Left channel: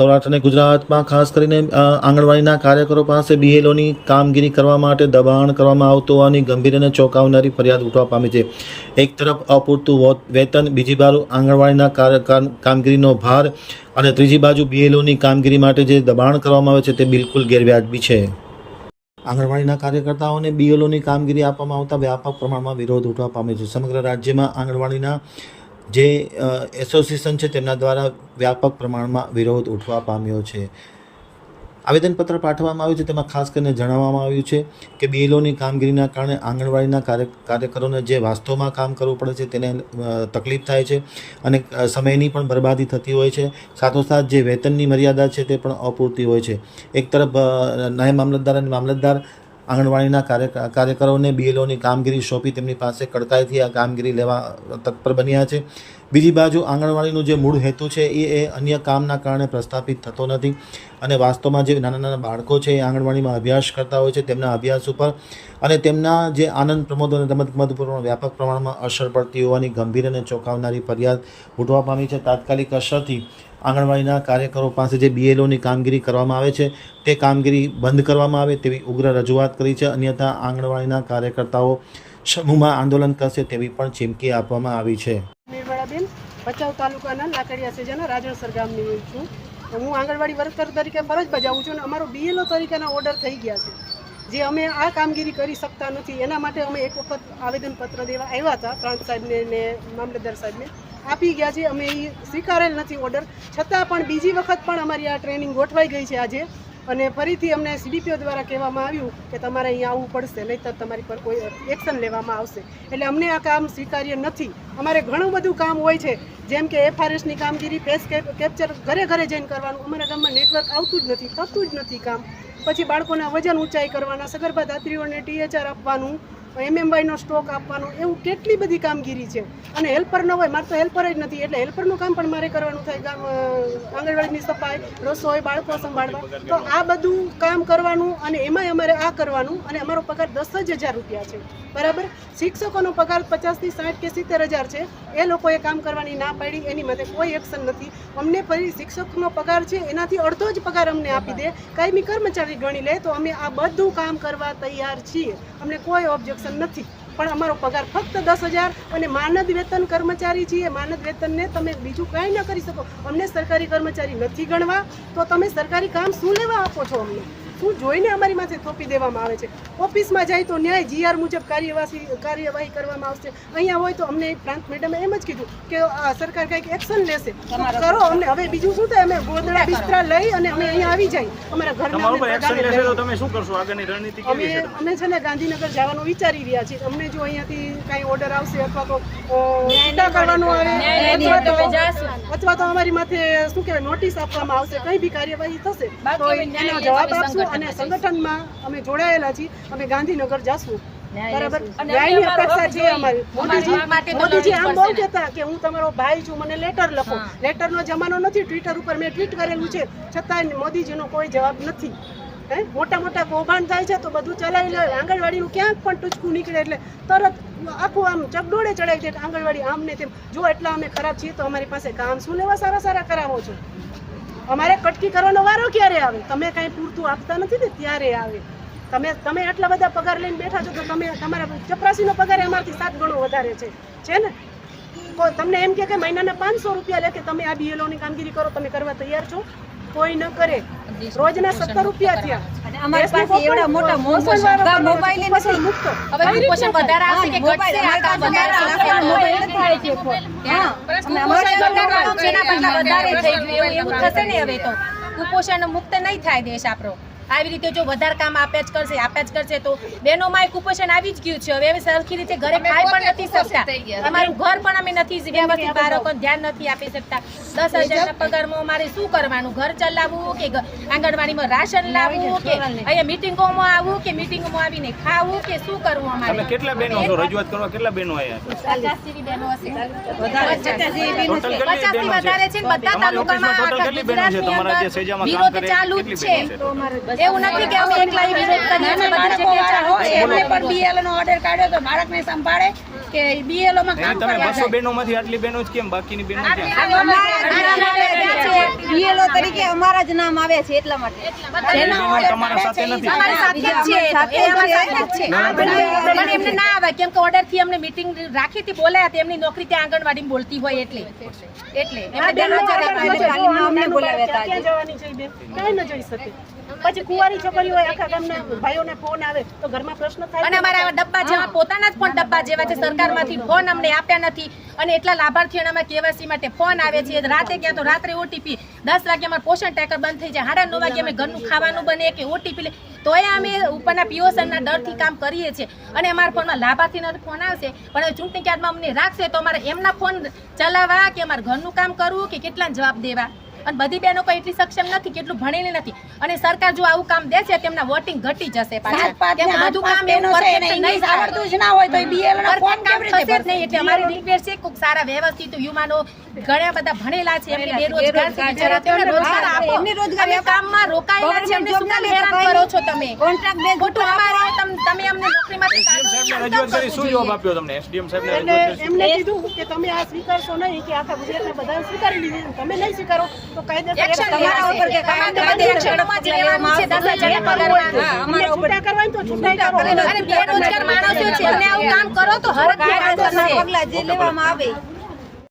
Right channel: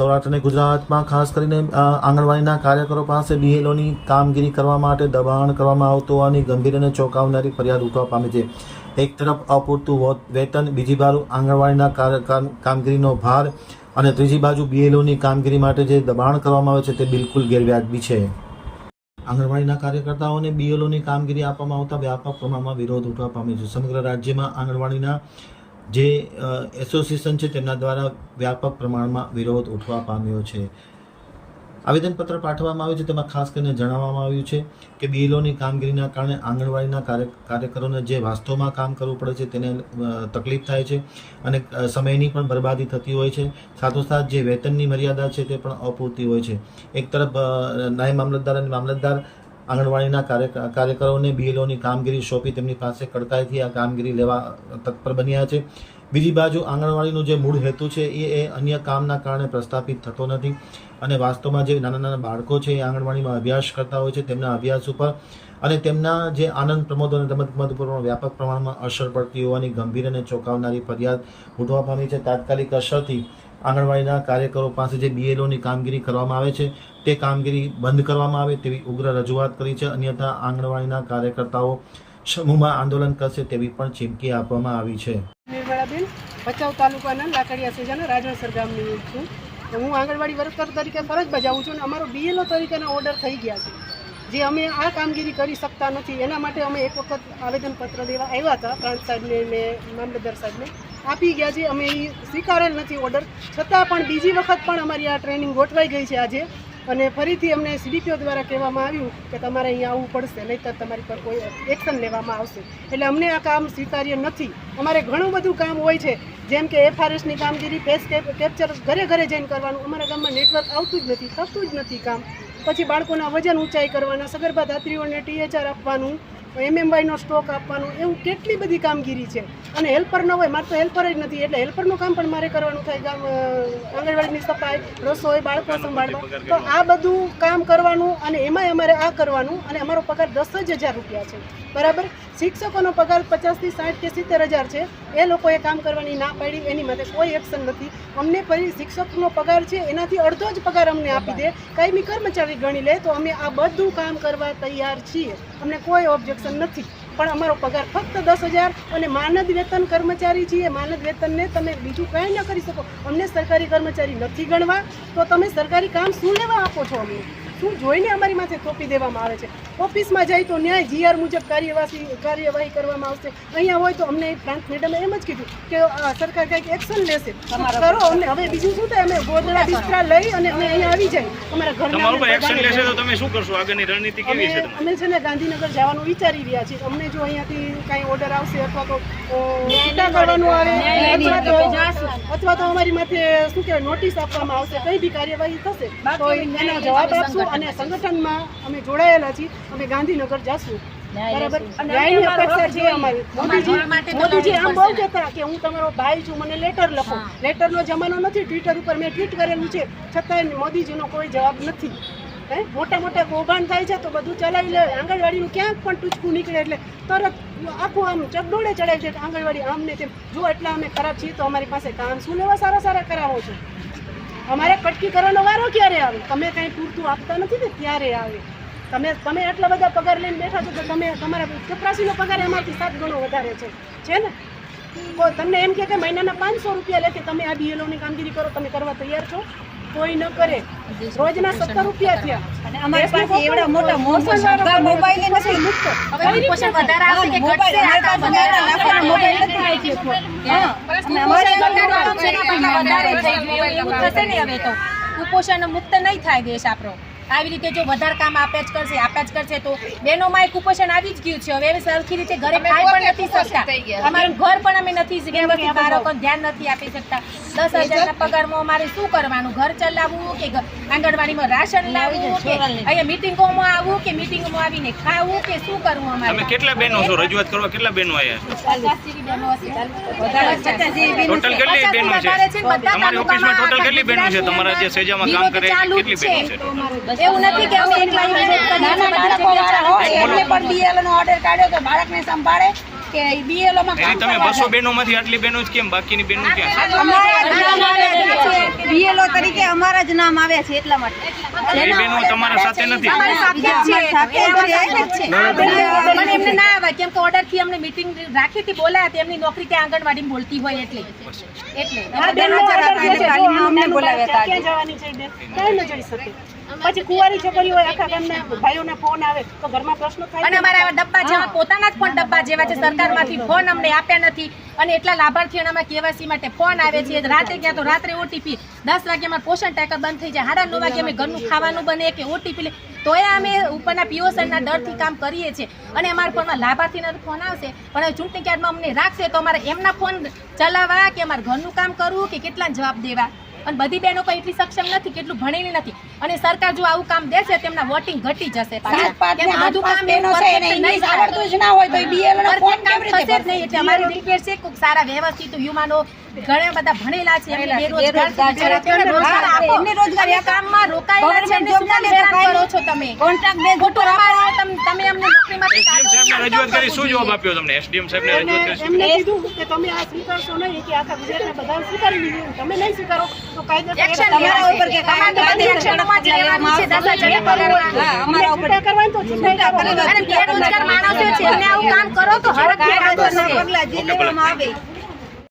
સૌરાષ્ટ્ર અને ગુજરાતમાં ખાસ કરીને આંગણવાડીના કાર્યકરો પાસે બીએલઓની કામગીરી કરવા માટે દબાણ કરવામાં આવતું હોવાની ગંભીર અને ચોંકાવનારી ફરિયાદ ઉઠવા પામી છે. એક તરફ અપૂરતું વેતન, બીજી બાજુ આંગણવાડીના કામગીરીનો ભાર અને ત્રીજી બાજુ બીએલઓની કામગીરી માટે જે દબાણ કરવામાં આવે છે તે બિલકુલ ગેરવ્યાજબી છે. આંગણવાડીના કાર્યકર્તાઓને બીએલઓની કામગીરી આપવામાં આવતા વ્યાપક પ્રમાણમાં વિરોધ ઉઠવા પામ્યો છે. સમગ્ર રાજ્યમાં આંગણવાડીના જે એસોસિએશન છે તેમના દ્વારા વ્યાપક પ્રમાણમાં વિરોધ ઉઠવા પામ્યો છે. આવેદનપત્ર પાઠવવામાં આવ્યું છે. તેમાં ખાસ કરીને જણાવવામાં આવ્યું છે કે બીએલઓની કામગીરીના કારણે આંગણવાડીના કાર્યકરોને જે વાસ્તવમાં કામ કરવું પડે છે તેને તકલીફ થાય છે અને સમયની પણ બરબાદી થતી હોય છે. સાથોસાથ જે વેતનની મર્યાદા છે તે પણ અપૂરતી હોય છે. એક તરફ નાયબ મામલતદાર અને મામલતદાર આંગણવાડીના કાર્યકરોને બીએલઓની કામગીરી સોંપી તેમની પાસે કડકાઈથી આ કામગીરી લેવા તત્પર બન્યા છે. બીજી બાજુ આંગણવાડીનો જે મૂળ હેતુ છે એ અન્ય કામના કારણે પ્રસ્થાપિત થતો નથી અને વાસ્તવમાં જે નાના નાના બાળકો છે એ આંગણવાડીમાં અભ્યાસ કરતા હોય છે, તેમના અભ્યાસ ઉપર અને તેમના જે આનંદ પ્રમોદ અને રમતગમત ઉપર વ્યાપક પ્રમાણમાં અસર પડતી હોવાની ગંભીર અને ચોંકાવનારી ફરિયાદ ઉઠવા પામી છે. તાત્કાલિક અસરથી આંગણવાડીના કાર્યકરો પાસે જે બીએલઓની કામગીરી કરવામાં આવે છે તે કામગીરી બંધ કરવામાં આવે તેવી ઉગ્ર રજૂઆત કરી છે. અન્યથા આંગણવાડીના કાર્યકર્તાઓ સમૂહમાં આંદોલન કરશે તેવી પણ ચીમકી આપવામાં આવી છે. નિર્મળાબેન, ભચાઉ તાલુકાના લાકડિયા સેજાના રાજણસર ગામની છું. હું આંગણવાડી વર્કર તરીકે ફરજ બજાવું છું અને અમારો બીએલઓ તરીકેના ઓર્ડર થઈ ગયા છે. જે અમે આ કામગીરી કરી શકતા નથી એના માટે અમે એક વખત આવેદનપત્ર દેવા આવ્યા હતા પ્રાંત સાહેબને ને મામલતદાર સાહેબને, આપી ગયા છે. અમે એ સ્વીકારેલ નથી ઓર્ડર, છતાં પણ બીજી વખત પણ અમારી આ ટ્રેનિંગ ગોઠવાઈ ગઈ છે આજે અને ફરીથી અમને સીડીપીઓ દ્વારા કહેવામાં આવ્યું કે તમારે અહીંયા આવવું પડશે, નહીંતર તમારી પર કોઈ એક્શન લેવામાં આવશે. એટલે અમને આ કામ સ્વીકાર્ય નથી. અમારે ઘણું બધું કામ હોય છે, જેમ કે એફઆરએસની કામગીરી, ફેસ કેપ્ચર ઘરે ઘરે જઈને કરવાનું. અમારા ગામમાં નેટવર્ક આવતું જ નથી, થતું જ નથી કામ. પછી બાળકોના વજન ઊંચાઈ કરવાના, સગર્ભા ધાત્રીઓને THR આપવાનું, MMYનો સ્ટોક આપવાનો, એવું કેટલી બધી કામગીરી છે. અને હેલ્પર ન હોય, મારે તો હેલ્પર જ નથી, એટલે હેલ્પરનું કામ પણ મારે કરવાનું થાય. ગામ આંગણવાડીની સફાઈ, રસોઈ, બાળકો સંભાળવા, તો આ બધું કામ કરવાનું અને એમાંય અમારે આ કરવાનું. અને અમારો પગાર 10,000 રૂપિયા છે, બરાબર. શિક્ષકોનો પગાર 50 થી 60 કે 70,000 છે. એ લોકોએ કામ કરવાની ના પાડી, એની માટે કોઈ એક્શન નથી. અમને ફરી શિક્ષકનો પગાર છે એનાથી અડધો જ પગાર અમને આપી દે, કાયમી કર્મચારી ગણી લે, તો અમે આ બધું કામ કરવા તૈયાર છીએ. અમને કોઈ ઓબ્જેક્શન નથી. પણ અમારો પગાર ફક્ત 10,000 અને માનદ વેતન કર્મચારી છીએ. માનદ વેતનને તમે બીજું કાંઈ ન કરી શકો. અમને સરકારી કર્મચારી નથી ગણવા, તો તમે સરકારી કામ શું લેવા આપો છો? અમને શું જોઈને અમારી માથે થોપી દેવામાં આવે છે? ઓફિસમાં જાય તો ન્યાય GR મુજબ કાર્યવાહી કરવામાં આવશે. અહીંયા હોય તો અમને પ્રાંત મેડમે એમ જ કીધું કે સરકાર કંઈક એક્શન લેશે, કરો. અમને હવે બીજું શું થાય? અમે ગોદડા બિસ્તરા લઈ અને અમે અહીંયા આવી જાય. અમારા ઘરના એક્શન લેશે તો તમે શું કરશો? આગળની રણનીતિ કેવી છે? અમે છે ને ગાંધીનગર જવાનું વિચારી રહ્યા છીએ. અમને જો અહીંયાથી કાંઈ ઓર્ડર આવશે અથવા તો ટીકા કરવાનું આવે અથવા તો અમારી માથે શું કહેવાય નોટિસ આપવામાં આવશે, કંઈ બી કાર્યવાહી થશે તો એનો જવાબ આપશું. અને સંગઠનમાં અમે જોડાયેલા છીએ, અમે ગાંધીનગર જશું, બરાબર. ન્યાયની અપેક્ષા છે અમારી. મોદીજી આમ બોલતા હતા કે હું તમારો ભાઈ છું, મને લેટર લખો. લેટરનો જમાનો નથી. ટ્વિટર ઉપર મેં ટ્વીટ કરેલું છે, છતાં મોદીજીનો કોઈ જવાબ નથી. મોટા મોટા કૌભાંડ થાય છે તો બધું ચલાવી લે. આંગણવાડીનું ક્યાંક પણ ટૂચકું નીકળે એટલે તરત આખું આમ ચકડોળે ચડાવી છે આંગણવાડી આમ ને તેમ. જો એટલા અમે ખરાબ છીએ તો અમારી પાસે કામ શું લેવા સારા સારા કરાવો છો? અમારે કટકી કરવાનો વારો ક્યારે આવે? તમે કાંઈ પૂરતું આપતા નથી ને ત્યારે આવે. તમે એટલા બધા પગાર લઈને બેઠા છો તો તમારા ચપરાસીનો પગાર અમારથી 7 ગણો વધારે છે ને? તમને એમ કે મહિનાના 500 રૂપિયા લે કે તમે આ બીએલઓની કામગીરી કરો, તમે કરવા તૈયાર છો? કોઈ ન કરે. રોજના 17 રૂપિયા થયા અને અમારી પાસે એવડા મોટા મોબાઈલ નથી મુક્ત. હવે કુપોષણ વધારે આવશે કે ઘટશે? આ કામ વધારે મોબાઈલ થાય છે. હા, અમારે વધારે થઈ ગયું એવું થશે ને. હવે તો કુપોષણ મુક્ત નહીં થાય દેશ આપણો. આવી રીતે જો વધારે કામ આપ્યા જ કરશે તો બહેનોમાં કુપોષણ આવી જ ગયું છે. હવે સરખી રીતે ઘરે ખાઈ પણ નથી શકતા. અમારું ઘર પણ અમે નથી વ્યવસ્થિત બાળકો ધ્યાન નથી આપી શકતા. 10,000 પગારમાં અમારે શું કરવાનું? ઘર ચલાવવું કે આંગણવાડીમાં રાશન લાવવું કે અહીંયા મિટિંગોમાં આવવું કે મિટિંગમાં આવીને ખાવું કે શું કરવું? અમારે કેટલા બહેનો છો? રજૂઆત કરવા કેટલા બહેનો આવ્યા? 50 જેવી બહેનો હશે. ટોટલ કેટલી બહેનો છે તમારી ઓફિસમાં? ટોટલ કેટલી બહેનો છે તમારા જે સેજામાં કામ કરે? કેટલી બહેનો છે? એવું નથી કે અમે એકલા નાના બાળકો વાળા હોય એમને પણ બીએલઓ નો ઓર્ડર કાઢ્યો તો બાળકને સંભાળે કે બીએલઓ માં કામ તમે 200 બહેનો માંથી આટલી બહેનો જ કેમ બાકીની બહેનો ક્યાં બીએલઓ તરીકે અમારા જ નામ આવ્યા છે એટલા માટે એ બહેનો તમારા સાથે નથી એમને ના આવે કેમ કે ઓર્ડર થી અમને મીટિંગ રાખી હતી બોલાયા હતી એમની નોકરી ત્યાં આંગણવાડીમાં બોલતી હોય એટલે અમને બોલાવ્યા હતા જવાની છે બેન કઈ ન જઈ શકે પછી કુંવારી છોકરી હોય આખા ગામના ભાઈઓને ફોન આવે તો ઘરમાં પ્રશ્ન થાય અને અમારા આવા ડબ્બા જેવા પોતાના જ પણ ડબ્બા જેવા છે સરકારમાંથી ફોન અમને આપ્યા નથી અને એટલા લાભાર્થીઓને કેવાયસી માટે ફોન આવે છે રાતે ગયા તો રાત્રે ઓટીપી 10 વાગે અમારું પોષણ ટેકર બંધ થઈ જાય 9:30 વાગે અમે ઘરનું ખાવાનું બને કે ઓટીપી લે તોય અમે ઉપરના પીઓસરના ડરથી કામ કરીએ છીએ અને અમારા ફોનમાં લાભાર્થીનો ફોન આવશે પણ ચૂંટણી કાર્ડમાં અમને રાખશે તો અમારે એમના ફોન ચલાવવા કે અમારે ઘરનું કામ કરવું કે કેટલા જવાબ દેવા અને બધી બહેનો કોઈ એટલી સક્ષમ નથી કેટલું ભણેલી નથી અને સરકાર જો આવું કામ દેશે તેમના વોટિંગ ઘટી જશે બધું કામ બહેનો છે એને ઇંગ્લિશ આવડતું જ ના હોય તો બીએલઓ નો ફોર્મ કેવી રીતે ભરશે એટલે અમારી રિક્વેસ્ટ છે કોક સારા વ્યવસ્થિત યુવાનો ઘણા બધા ભણેલા છે એમને બેરોજગાર એમને રોજગારી કામમાં રોકાયેલા છે એમને શું હેરાન કરો છો તમે કોન્ટ્રાક્ટ બેઝ ખોટું અમારે તમે અમને નોકરીમાંથી સાહેબને રજૂઆત કરી શું જવાબ આપ્યો તમને એસડીએમ સાહેબને રજૂઆત કરી એમને કીધું કે તમે આ સ્વીકારશો નહીં કે આખા ગુજરાતના બધા સ્વીકારી લીધું તમે નહીં સ્વીકારો તો કાયદેસર તમારા ઉપર કે કાયદેસર એક્શનમાં લેવામાં આવશે 10,000 અમારા ઉપર કરવાનું તો છૂટાઈ કરો અને બેરોજગાર માણસો છે એમને આવું કામ કરો તો હર કાયદેસરના પગલા જે લેવામાં આવે